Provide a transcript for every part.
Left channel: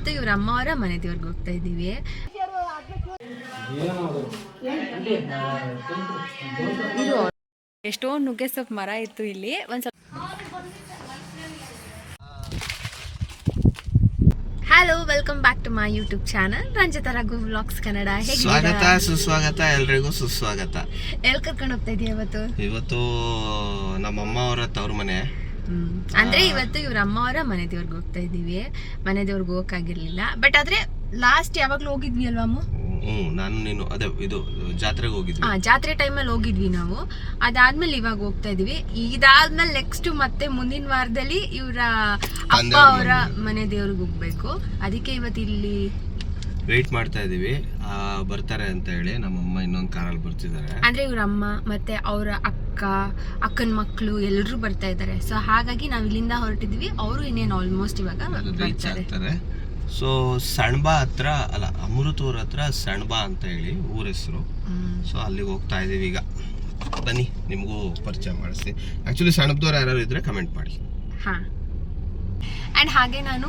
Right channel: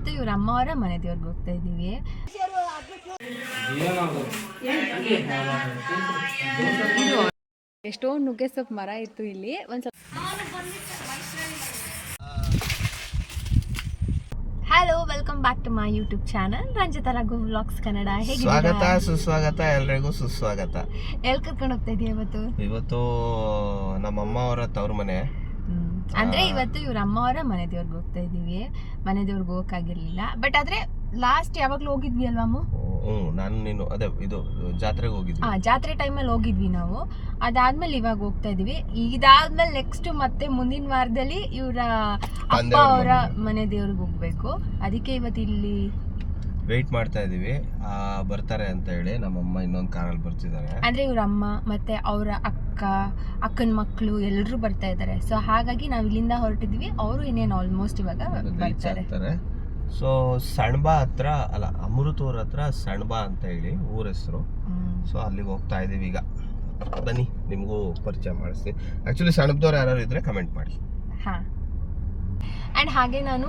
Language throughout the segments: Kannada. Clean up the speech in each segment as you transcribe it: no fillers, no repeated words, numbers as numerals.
ಇವತ್ತು ಇವ್ರ ಅಮ್ಮ ಅವರ ಮನೆ ದೇವ್ರಿಗೆ ಹೋಗ್ತಾ ಇದ್ದೀವಿ. ಎಷ್ಟೋ ನುಗ್ಗೆ ಸೊಪ್ಪು ಮರ ಇತ್ತು ಇಲ್ಲಿ. ಒಂದು ಸ್ವಲ್ಪ hello, welcome back to my YouTube channel Ranjitha Raghu vlogs Kannada. ಸ್ವಾಗತ ಸುಸ್ವಾಗತ, ಎಲ್ರಿಗೂ ಸುಸ್ವಾಗತ. ಎಲ್ಲಿ ಕರ್ಕೊಂಡು ಹೋಗ್ತಾ ಇದೀಯ ಇವತ್ತು ನಮ್ಮಮ್ಮ ಅವರ ತವ್ರ ಮನೆ. ಅಂದ್ರೆ ಇವತ್ತು ಇವ್ರ ಅಮ್ಮ ಅವರ ಮನೆ ದೇವ್ರಿಗೆ ಹೋಗ್ತಾ ಇದೀವಿ. ಮನೆ ದೇವ್ರಿಗೆ ಹೋಗಕ್ಕಾಗಿರ್ಲಿಲ್ಲ, ಬಟ್ ಆದ್ರೆ ಲಾಸ್ಟ್ ಯಾವಾಗ್ಲೂ ಹೋಗಿದ್ವಿ ಅಲ್ವಾ ಅಮ್ಮ? ನಾನು ನೀನು ಅದೇ ಇದು ಜಾತ್ರೆಗೆ ಹೋಗಿದ್ವಿ. ಜಾತ್ರೆ ಟೈಮಲ್ಲಿ ಹೋಗಿದ್ವಿ ನಾವು. ಅದಾದ್ಮೇಲೆ ಇವಾಗ ಹೋಗ್ತಾ ಇದೀವಿ. ಇದಾದ್ಮೇಲೆ ನೆಕ್ಸ್ಟ್ ಮತ್ತೆ ಮುಂದಿನ ವಾರದಲ್ಲಿ ಇವರ ಅಪ್ಪ ಅವರ ಮನೆ ದೇವ್ರಿಗೆ ಹೋಗ್ಬೇಕು. ಅದಕ್ಕೆ ಇವತ್ತು ಇಲ್ಲಿ ವೇಟ್ ಮಾಡ್ತಾ ಇದೀವಿ, ಬರ್ತಾರೆ ಅಂತ ಹೇಳಿ. ನಮ್ಮಮ್ಮ ಇನ್ನೊಂದು ಕಾರಲ್ಲಿ ಬರ್ತಿದ್ದಾರೆ. ಅಂದ್ರೆ ಇವ್ರ ಅಮ್ಮ ಮತ್ತೆ ಅವರ ಅಕ್ಕನ ಮಕ್ಕಳು ಎಲ್ಲರೂ ಬರ್ತಾ ಇದ್ದಾರೆ. ಸೊ ಹಾಗಾಗಿ ನಾವ್ ಇಲ್ಲಿಂದ ಹೊರಟಿದ್ವಿ. ಅವರು ಇನ್ನೇನು ಆಲ್ಮೋಸ್ಟ್ ಇವಾಗ ಬರ್ತಾರೆ. ಸೊ ಸಣ್ಬಾ ಹತ್ರ ಅಲ್ಲ, ಅಮೃತೂರ್ ಹತ್ರ ಸಣ್ಬಾ ಅಂತ ಹೇಳಿ ಊರ ಹೆಸರು. ಸೊ ಅಲ್ಲಿಗೆ ಹೋಗ್ತಾ ಇದೀವಿ ಈಗ. ಬನ್ನಿ, ನಿಮಗೂ ಪರಿಚಯ ಮಾಡಿಸ್ತೀನಿ. ಆಕ್ಚುಲಿ ಸಣ್ಬದವ್ರು ಯಾರು ಇದ್ರೆ ಕಮೆಂಟ್ ಮಾಡಿ. ಆ್ಯಂಡ್ ಹಾಗೆ ನಾನು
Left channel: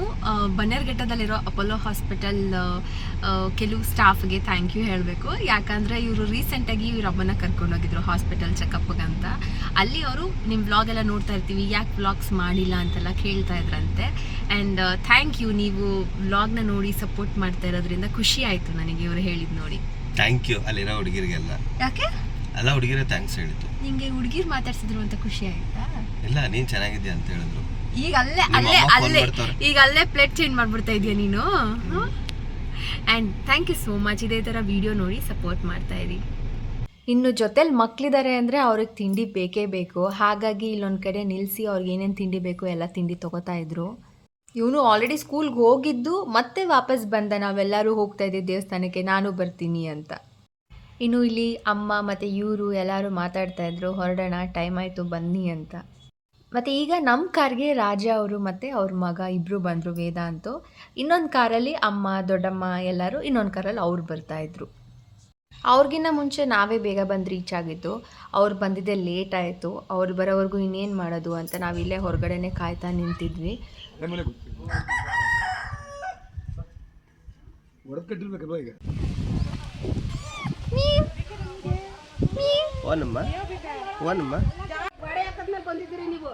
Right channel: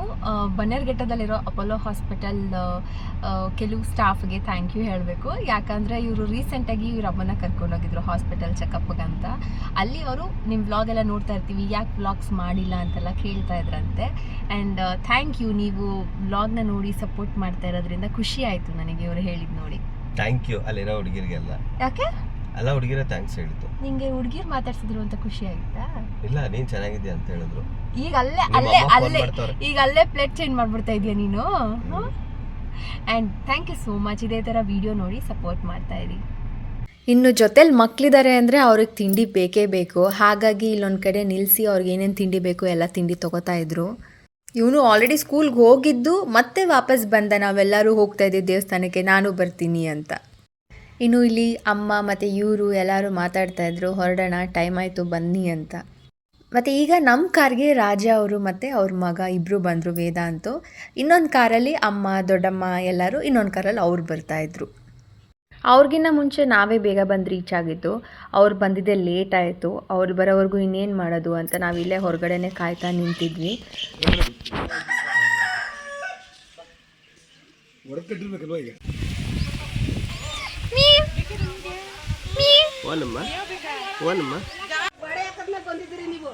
ಬನ್ನೇರ್ಘಟ್ಟದಲ್ಲಿರೋ ಅಪೋಲೋ ಹಾಸ್ಪಿಟಲ್ ಕೆಲವು ಸ್ಟಾಫ್ಗೆ ಥ್ಯಾಂಕ್ ಯು ಹೇಳಬೇಕು. ಯಾಕಂದರೆ ಇವರು ರೀಸೆಂಟಾಗಿ ಇವ್ರ ಅಮ್ಮನ ಕರ್ಕೊಂಡೋಗಿದ್ರು ಹಾಸ್ಪಿಟಲ್ ಚೆಕಪ್ಗೆ ಅಂತ. ಅಲ್ಲಿ ಅವರು ನಿಮ್ಮ ವ್ಲಾಗ್ ಎಲ್ಲ ನೋಡ್ತಾ ಇರ್ತೀವಿ, ಯಾಕೆ ವ್ಲಾಗ್ಸ್ ಮಾಡಿಲ್ಲ ಅಂತೆಲ್ಲ ಕೇಳ್ತಾ ಇದ್ರಂತೆ. ಆ್ಯಂಡ್ ಥ್ಯಾಂಕ್ ಯು, ನೀವು ವ್ಲಾಗ್ನ ನೋಡಿ ಸಪೋರ್ಟ್ ಮಾಡ್ತಾ ಇರೋದ್ರಿಂದ ಖುಷಿ ಆಯಿತು ನನಗೆ ಇವರು ಹೇಳಿದ್ದು ನೋಡಿ. ಥ್ಯಾಂಕ್ ಯು ಅಲ್ಲಿರೋ ಹುಡುಗಿರಿಗೆಲ್ಲ. ಯಾಕೆ ಎಲ್ಲ ಹುಡುಗಿರೇ ಥ್ಯಾಂಕ್ಸ್ ಹೇಳಿದ್ದು. ನಿಂಗೆ ಹುಡುಗಿರು ಮಾತಾಡ್ಸಿದ್ರು ಅಂತ ಖುಷಿ ಆಯ್ತಾ? ಇಲ್ಲ, ನೀನು ಚೆನ್ನಾಗಿದ್ಯಾ ಅಂತ ಹೇಳಿದ್ರು. ಈಗ ಅಲ್ಲೇ ಪ್ಲೇಟ್ ಚೇಂಜ್ ಮಾಡ್ಬಿಡ್ತಾ ಇದೀಯ ನೀನು. And thank you so much. ಇದೇ ಥರ ವಿಡಿಯೋ ನೋಡಿ ಸಪೋರ್ಟ್ ಮಾಡ್ತಾ ಇರಿ. ಇನ್ನು ಜೊತೆಲಿ ಮಕ್ಕಳಿದ್ದಾರೆ ಅಂದರೆ ಅವ್ರಿಗೆ ತಿಂಡಿ ಬೇಕೇ ಬೇಕು. ಹಾಗಾಗಿ ಇಲ್ಲೊಂದು ಕಡೆ ನಿಲ್ಲಿಸಿ ಅವ್ರಿಗೆ ಏನೇನು ತಿಂಡಿ ಬೇಕು ಎಲ್ಲ ತಿಂಡಿ ತೊಗೋತಾ ಇದ್ರು. ಇವನು ಆಲ್ರೆಡಿ ಸ್ಕೂಲ್ಗೆ ಹೋಗಿದ್ದು ಮತ್ತೆ ವಾಪಸ್ ಬಂದ. ನಾವೆಲ್ಲರೂ ಹೋಗ್ತಾ ಇದ್ದೀವಿ ದೇವಸ್ಥಾನಕ್ಕೆ, ನಾನು ಬರ್ತೀನಿ ಅಂತ. ಇನ್ನು ಇಲ್ಲಿ ಅಮ್ಮ ಮತ್ತು ಇವರು ಎಲ್ಲರೂ ಮಾತಾಡ್ತಾ ಇದ್ರು, ಹೊರಡೋಣ, ಟೈಮ್ ಆಯಿತು ಬನ್ನಿ ಅಂತ. ಮತ್ತು ಈಗ ನಮ್ಮ ಕಾರ್ಗೆ ರಾಜ ಅವರು ಮತ್ತು ಅವ್ರ ಮಗ ಇಬ್ಬರು ಬಂದರು, ವೇದಾಂತು. ಇನ್ನೊಂದು ಕಾರಲ್ಲಿ ಅಮ್ಮ ದೊಡ್ಡಮ್ಮ ಎಲ್ಲರೂ, ಇನ್ನೊಂದು ಕಾರಲ್ಲಿ ಅವ್ರು ಬರ್ತಾಯಿದ್ರು. ಅವ್ರಿಗಿನ್ನ ಮುಂಚೆ ನಾವೇ ಬೇಗ ಬಂದು ರೀಚ್ ಆಗಿದ್ದು. ಅವ್ರು ಬಂದಿದ್ದೆ ಲೇಟ್ ಆಯಿತು. ಅವ್ರು ಬರೋವರೆಗೂ ಇನ್ನೇನು ಮಾಡೋದು ಅಂತ ನಾವಿಲ್ಲೇ ಹೊರಗಡೆನೇ ಕಾಯ್ತಾ ನಿಂತಿದ್ವಿ. ಬಂದಿದ್ರಿ ನೀವು?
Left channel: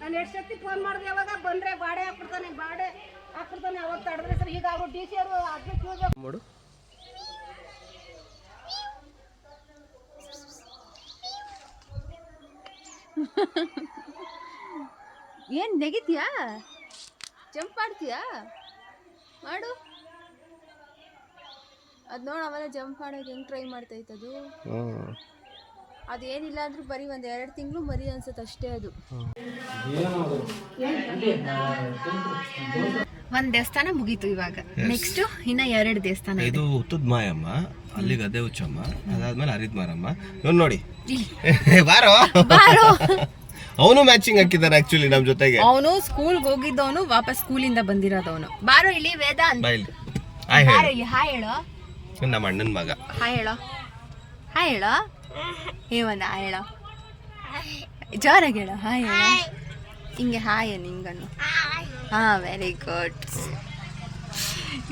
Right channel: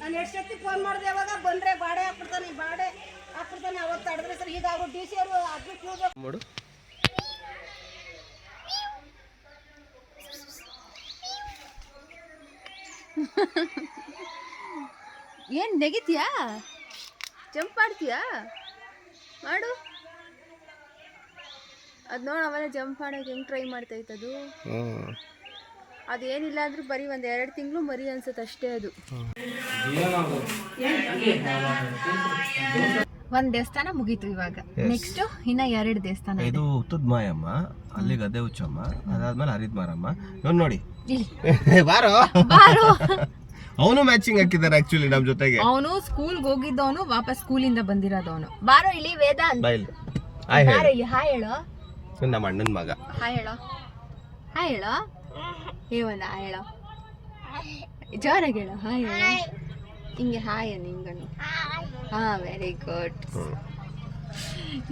ನಾನು ಎಷ್ಟು ಸತಿ ಫೋನ್ ಮಾಡಿದೆ, ಯಾವಾಗ ಬಂದ್ರೆ ಬಾಡೆ ಹಾಕ್ಬಿಡ್ತಾನೆ ಅವತ್ತು ತಡೆದ್ರೆ ಸರ್. ಈಗ ಅವರು ಡಿ ಸಿ ಅವರು ಅದಕ್ಕೆ ಮಾಡು. ಏನು ನೆಗಿತೀಯಾ? ಜಂಪ್ ಮಾಡ್ತೀಯಾ? ಮಾಡು. ಅದು ನೋಡಿ, ಅವೆಲ್ಲ ಜಂಪ್ ಮಾಡೋಕೆ ಹೆಂಗೆ ಟ್ರೈ ಮಾಡ್ತಾ ಇತ್ತದು. ಅದೇನಿಲ್ಲ ಅಂದ್ರೂ ಬರೀ ಒಂದು 2 ತಿಂಗಳು ಮರಿ ಅನ್ಸುತ್ತೆ ಅಷ್ಟೇ. ಅದು ಒಂದು ದೇವಸ್ಥಾನ ಮುಗೀತು. ಇವಾಗ ನೆಕ್ಸ್ಟ್ ಇನ್ನ 2 ದೇವಸ್ಥಾನ. ಇದು ಉತ್ತದ ಮಾಯಮ್ಮ, ಅಲ್ಲಿ ಗದ್ದೆ ಹುಚ್ಚಮ್ಮ, ಅದಾದ್ಮೇಲೆ ಹರಿದ್ ಮಾರಮ್ಮ. ಇವ್ನು ನೋಡಿ, ಬಾರೋ ಅವನು ಮ್ಯಾಚಿಂಗ್ ಹಾಕಿದ್ದಾರೆ ಆಕ್ಚುಲಿ ನಮ್ಮ ಜೊತೆಗೆ. ಅವನು ಸ್ಕೂಲ್ಗೆ ಹೋಗಿದ್ದವನು, ವಾಪಸ್ ಸ್ಕೂಲಿಂದ ಬಂದಿರೋದವನು. ಬಾರೋ ಇಲ್ಲಿ ವೇದಾಂತ್. ಹಾಯ್ ಹೇಳೋ. ನಮ್ಮ ಅಣ್ಣನ ಮಗ. ಹಾಯ್ ಹೇಳೋ. ಒಂದು ಹಾಯ್ ಹೇಳೋ, ಜೋರಾಗಿ ಹೇಳೋ. ಹಾಯ್ ಹೇಳೋ, ಹಿಂಗೆ ಹಾಯ್ ನಿಂಗನು. Very good.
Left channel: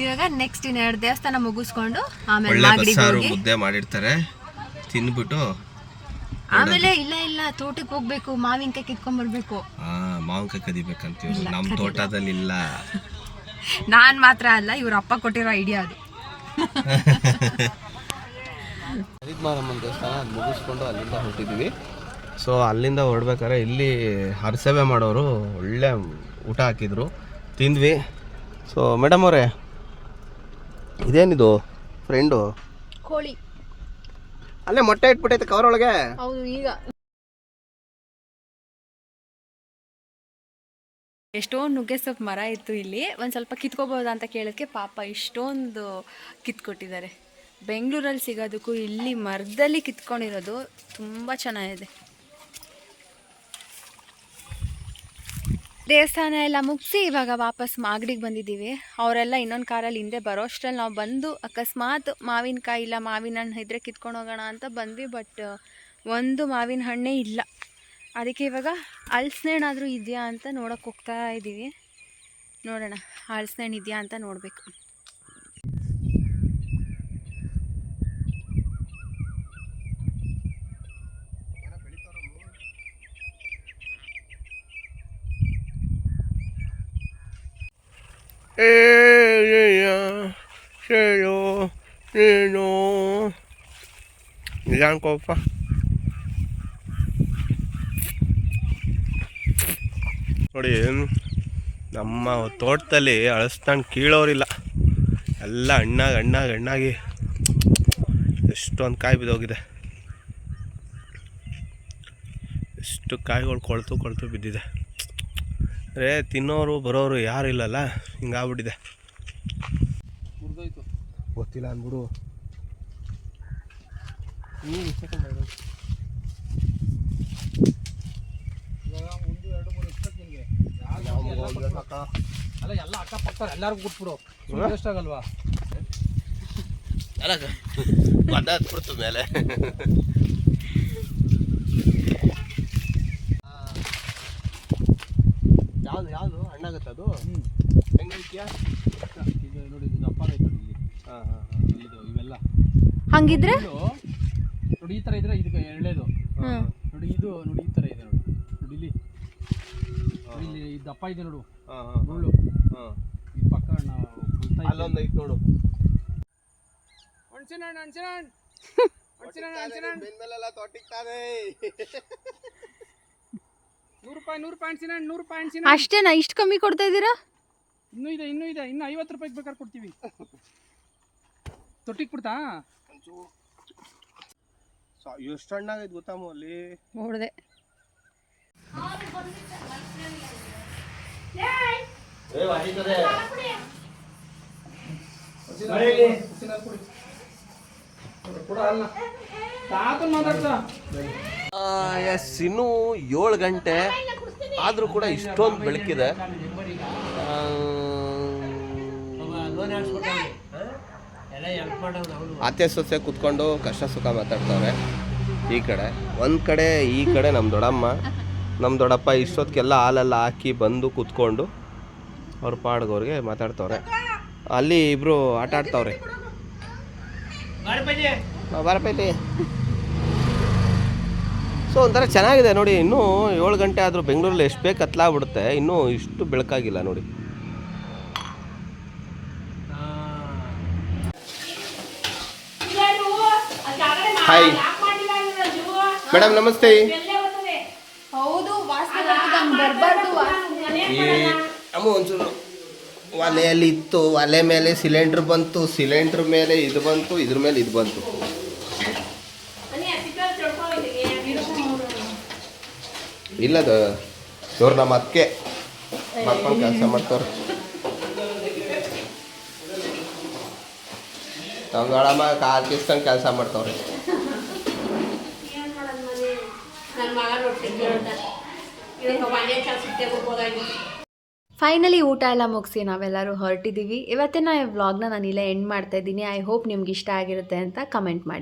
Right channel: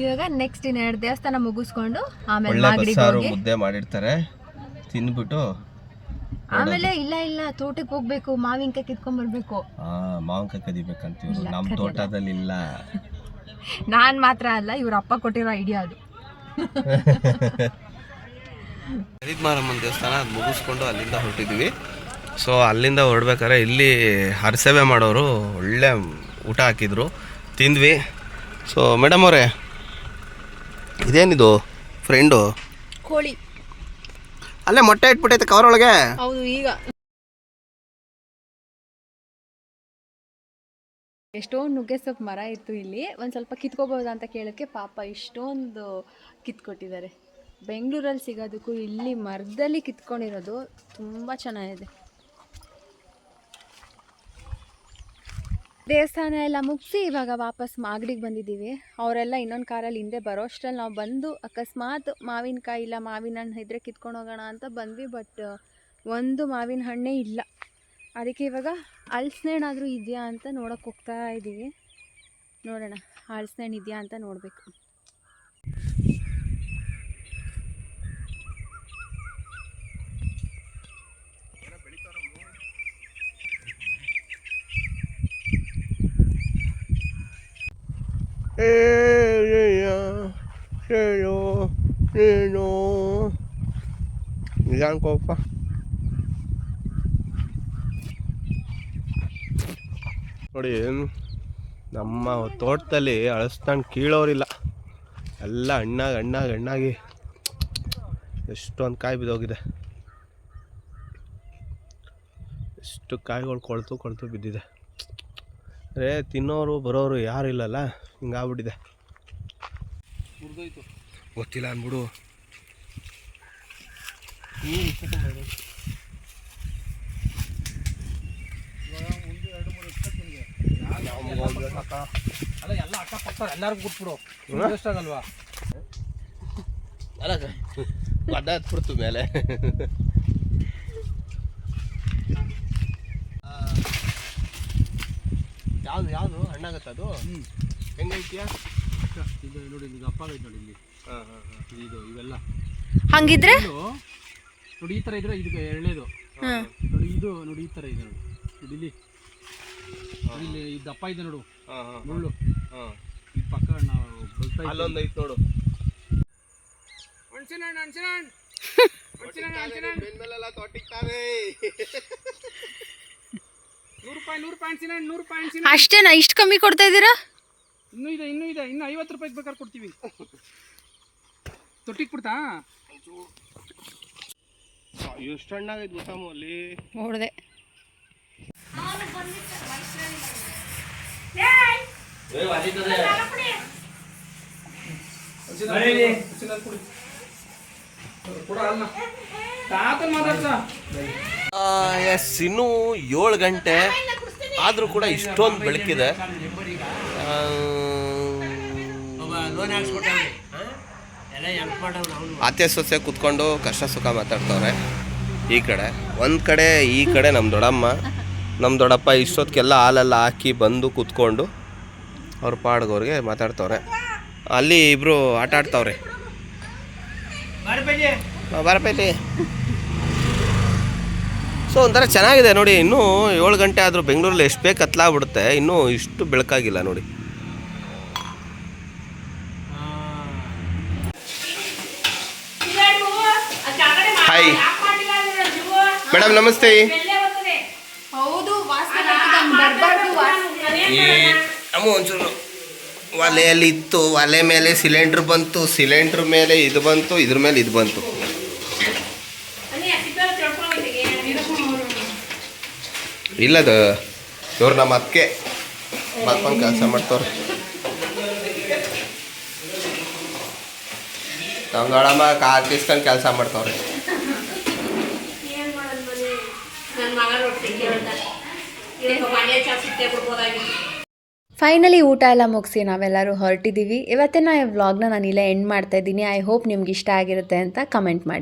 ಇವಾಗ ನೆಕ್ಸ್ಟ್ ಇನ್ನು 2 ದೇವಸ್ಥಾನ ಮುಗಿಸ್ಕೊಂಡು ಆಮೇಲೆ ಮುದ್ದೆ ಮಾಡಿರ್ತಾರೆ, ತಿನ್ಬಿಟ್ಟು ಆಮೇಲೆ ಇಲ್ಲ ತೋಟಕ್ಕೆ ಹೋಗ್ಬೇಕು, ಮಾವಿನಕಾಯಿ ಕಿತ್ಕೊಂಡ್ ಬರ್ಬೇಕು. ಮಾವಿನಕಾಯಿ ಕದಿಬೇಕಂತೀವಿ. ನಮ್ಮ ತೋಟದಲ್ಲಿ ಇಲ್ಲ. ನಾನ್ ಮಾತ್ರ ಅಲ್ಲ, ಇವ್ರ ಅಪ್ಪ ಕೊಟ್ಟಿರೋ ಐಡಿಯಾ ಅದು. ಹರಿದ್ ಮಾರಮ್ಮನ ದೇವಸ್ಥಾನ ಮುಗಿಸ್ಕೊಂಡು ಅಲ್ಲಿಂದ ಹೊರಟಿದ್ವಿ. ಸೊ ಅಲ್ಲಿಂದ ಹೊರಡ್ಬೇಕಾದ್ರೆ ಇಲ್ಲಿ ಹರಸೇವೆ ಮಾಡೋರು ಒಳ್ಳೆ ಊಟ ಹಾಕಿದ್ರು, ತಿಂದ್ವಿ. ಸೊ ಮೇಡಮ್ ಅವರೇ, ಇದೇನಿದು ಫ್ರೆಂಡು? ಕೋಳಿ. ಅಲ್ಲೇ ಮೊಟ್ಟೆ ಇಟ್ಬಿಟ್ಟೈತೆ ಕವರ್ ಒಳಗೆ. ಹೌದು. ಈಗ ಎಷ್ಟೊಂದು ನುಗ್ಗೆ ಸೊಪ್ಪು ಮರ ಇತ್ತು ಇಲ್ಲಿ. ಒಂದು ಸ್ವಲ್ಪ ಕಿತ್ಕೋಬೋದಾ ಅಂತ ಕೇಳೋಕ್ಕೆ ಪಾಪ ಇಷ್ಟೊಂದು ಕಿತ್ಕೊಟ್ಟಿದ್ದಾರೆ. ಬೆಂಗಳೂರಲ್ಲಿ ಸಿಗೋದಕ್ಕೂ ಇಲ್ಲಿ ಮರದಲ್ಲಿ ಕಿತ್ಕೊಂಡಿರೋದು ತುಂಬ ಚೆನ್ನಾಗಿದೆ. ದೇವಸ್ಥಾನ ಎಲ್ಲ ಮುಗಿಸಿ ಇವಾಗ ವಾಪಸ್ ಮಾಗಡಿಗೆ ಬಂದಿದ್ದೀವಿ. ಅವರೆಲ್ಲ ಇನ್ನೊಂದು ಕಾರಲ್ಲಿ ಹಿಂದೆ ಬರೋ ಅಷ್ಟರಲ್ಲಿ ನಾವು ಬಂದು ಅಕಸ್ಮಾತ್ ಮಾವಿನಕಾಯಿ ಇಲ್ಲ, ಮಾವಿನ ಹಣ್ಣು ಇದ್ದರೆ ಕಿತ್ಕೊಂಡು ಹೋಗೋಣ ಅಂತ ಬಂದ್ವಿ. ಬಟ್ ಒಂದು ಮಾವಿನ ಹಣ್ಣೇ ಇಲ್ಲ. ಅದಕ್ಕೆ ಇವಾಗ ಹಲಸಿನ ಹಣ್ಣಾದರೂ ಇದೆಯಾ ಅಂತ ನೋಡೋಕೆ ಹೋಗ್ತಾ ಇದ್ದೀವಿ. ನೋಡೋಣ ಹಲಸಿನ ಇದೆಯಾ ಅಂತ ನೋಡಬೇಕು. ನೀನು ನಿಜ ಅನ್ಕೋಪ್ಪ. ನೋಡಿ ನಮ್ಮ ತೋಟದಲ್ಲಿ ಹಲಸಿನ ಕೀಳೋರಿಲ್ಲ, ಎಲ್ಲ ಹಣ್ಣಾಗಿ ಎಷ್ಟೊಂದು ಕಾಯಿ ಬಿದ್ದೋಗಿದೆ. ಎಷ್ಟು ಕಾಯಿಗಳು ಕೊಳ್ತು ಬಿದ್ದಿದೆ. ಅರೆ ತಿನ್ನೋರು ಬರೋರು ಯಾರು ಇಲ್ಲಲ್ಲ, ಹಿಂಗಾಗ್ಬಿಟ್ಟಿದೆ. ಗೊತ್ತಿಲ್ಲ ಅಂದ್ಬಿಡು. ಎಲ್ಲ ಅಕ್ಕಪಕ್ಕ ಎಲ್ಲರಿಗೂ ಕೊಟ್ಬಿಡು, ಆಗಲ್ವಾ? ಅಲ್ಲ ಮದ ಹತ್ಬಿಡ್ತು ಮೇಲೆ. ಯಾವುದು ಹಣ್ಣಾಗತ್ತೆ ಅದು? ಹೆಂಗೈತಿಯಾ? ಇದು ನೋಡಿ, ಇದು ಅಪ್ಪ ಐತೆ ನೋಡಿ ಇಲ್ಲಿ. ಇದು ಇವೆಲ್ಲ ಹಂಗಿದ್ರೆ ನೋಡಿ, ಈ ಥರ ಇದ್ರೆ ಇದು ಎಳ್ಳೆದು ನೋಡಿ. ಇದು ನೋಡಿ, ಈ ಥರ ಇದೆ ನೋಡಿ. ಇಲ್ಲಿ ಇಲ್ಲಿ ಇದು ದಪ್ಪ ಇದೆ ನೋಡು, ಮುಳ್ಳು. ಈ ಪಕ್ಕ ನಾವು ಅಲ್ಲೊಂದು ಐತೆ ನೋಡು. ಹಣ್ಸಿನ ಬೆನ್ಮೇಲೆಲ್ಲ ತೊಟ್ಟಿಗೆ ತಾನೇ. 100 ರೂಪಾಯಿ ಹಣ್ಸಿನ, 100 ರೂಪಾಯಿ ಹಣ್ಸಿನ. ಅಷ್ಟೇನಾ? ಇಷ್ಟು ಕಮ್ಮಿ ಕೊಡ್ತಾ ಇದ್ದೀರಾ? ಇನ್ನೂ ಇದೆ, ಇನ್ನು 50 ರೂಪಾಯಿಗೆ ಬೇಕಾದ್ರೆ ಕೊಡ್ತೀವಿ. ತೊಟ್ಟಿಗೆ ಕೊಡ್ತಾ? ಎಷ್ಟು ಹಣ್ಣಾಗೈತೆ ಗೊತ್ತಾಮು ಅಲ್ಲಿ ನೋಡಿದೆ. ಎಸ್, ಇನ್ನೂ 7 ಗಂಟೆ ಆದರೂ ಕೂಡ ಇಷ್ಟೊಂದು ಬೆಳಕಿದೆ. ಆತೆ ಸೊಸೆ ಕೂತ್ಕೊಂಡು ಕಷ್ಟ ಸುಖ ಮಾತಾಡ್ತವ್ರೆ. ಈ ಕಡೆ ನಮ್ಮ ದೊಡ್ಡಮ್ಮ ನಮ್ಮ ದೊಡ್ಡಪ್ಪ ಇಷ್ಟೊತ್ತಿಗೆಲ್ಲ ಹಾಲೆಲ್ಲ ಹಾಕಿ ಬಂದು ಕೂತ್ಕೊಂಡು ಅವ್ರ ಪಾಡ್ಗವ್ರಿಗೆ ಮಾತಾಡ್ತವ್ರೆ. ಅಲ್ಲಿ ಇಬ್ಬರು ಆಟ ಆಡ್ತವ್ರೆ. ಬರಪೈತಿ. ಸೊ ಒಂಥರ ಚೆನ್ನಾಗಿದೆ ನೋಡಿ. ಇನ್ನೂ 7 ಗಂಟೆ ಆದರೂ ಬೆಂಗಳೂರಲ್ಲಿ ಎಷ್ಟು ಬೇಗ ಕತ್ಲಾಗ್ಬಿಡುತ್ತೆ, ಇನ್ನೂ ಇಷ್ಟು ಬೆಳಕಾಗಿಲ್ಲ ನೋಡಿ. ಹಾಯ್ ಮೇಡಮ್, ನಮಸ್ತೆ. ಅಮ್ಮ ಒಂಚೂರು ಒಲೆಯಲ್ಲಿ ಇತ್ತು, ಒಲೆ ಮೇಲೆ ಸಿಲಿಂಡ್ರ್ ಬಂತು, ಸಿಲಿಂಡ್ರ್ ಮೇಲೆ ಇದು ಬಂತು, ಇದ್ರ ಮೇಲೆ ಇದು ಬಂತು. ಇಲ್ಲದು ಇವ್ರು ನಮ್ಮ ಅದಕ್ಕೆ ಬರ್ಕೊಂಡು ಕೆಲಸ ಮಾಡ್ತವ್ರೆ. ನಮ್ಮ ದೊಡ್ಡಮ್ಮ ಕಾರ್ ಕಿಸ್ಕೊಂಡು ಕೆಲಸ ಮಾಡ್ತವ್ರೆ. ಫೈನಲಿ ಊಟ ಎಲ್ಲ ಮುಗಿಸಿ ನಾವೆಲ್ಲರೂ ಹೊರಟಿದ್ದೀವಿ. ಇವತ್ತಿನ ವ್ಲಾಗ್ನ ನಾನು ಇಲ್ಲೇ ಎಂಡ್ ಮಾಡ್ತಾ ಇದ್ದೀನಿ. ಐ ಹೋಪ್ ನಿಮ್ಗೆ ಇಷ್ಟ ಆಗಿರುತ್ತೆ ಅಂತ ಕಮೆಂಟ್ ಮಾಡಿ.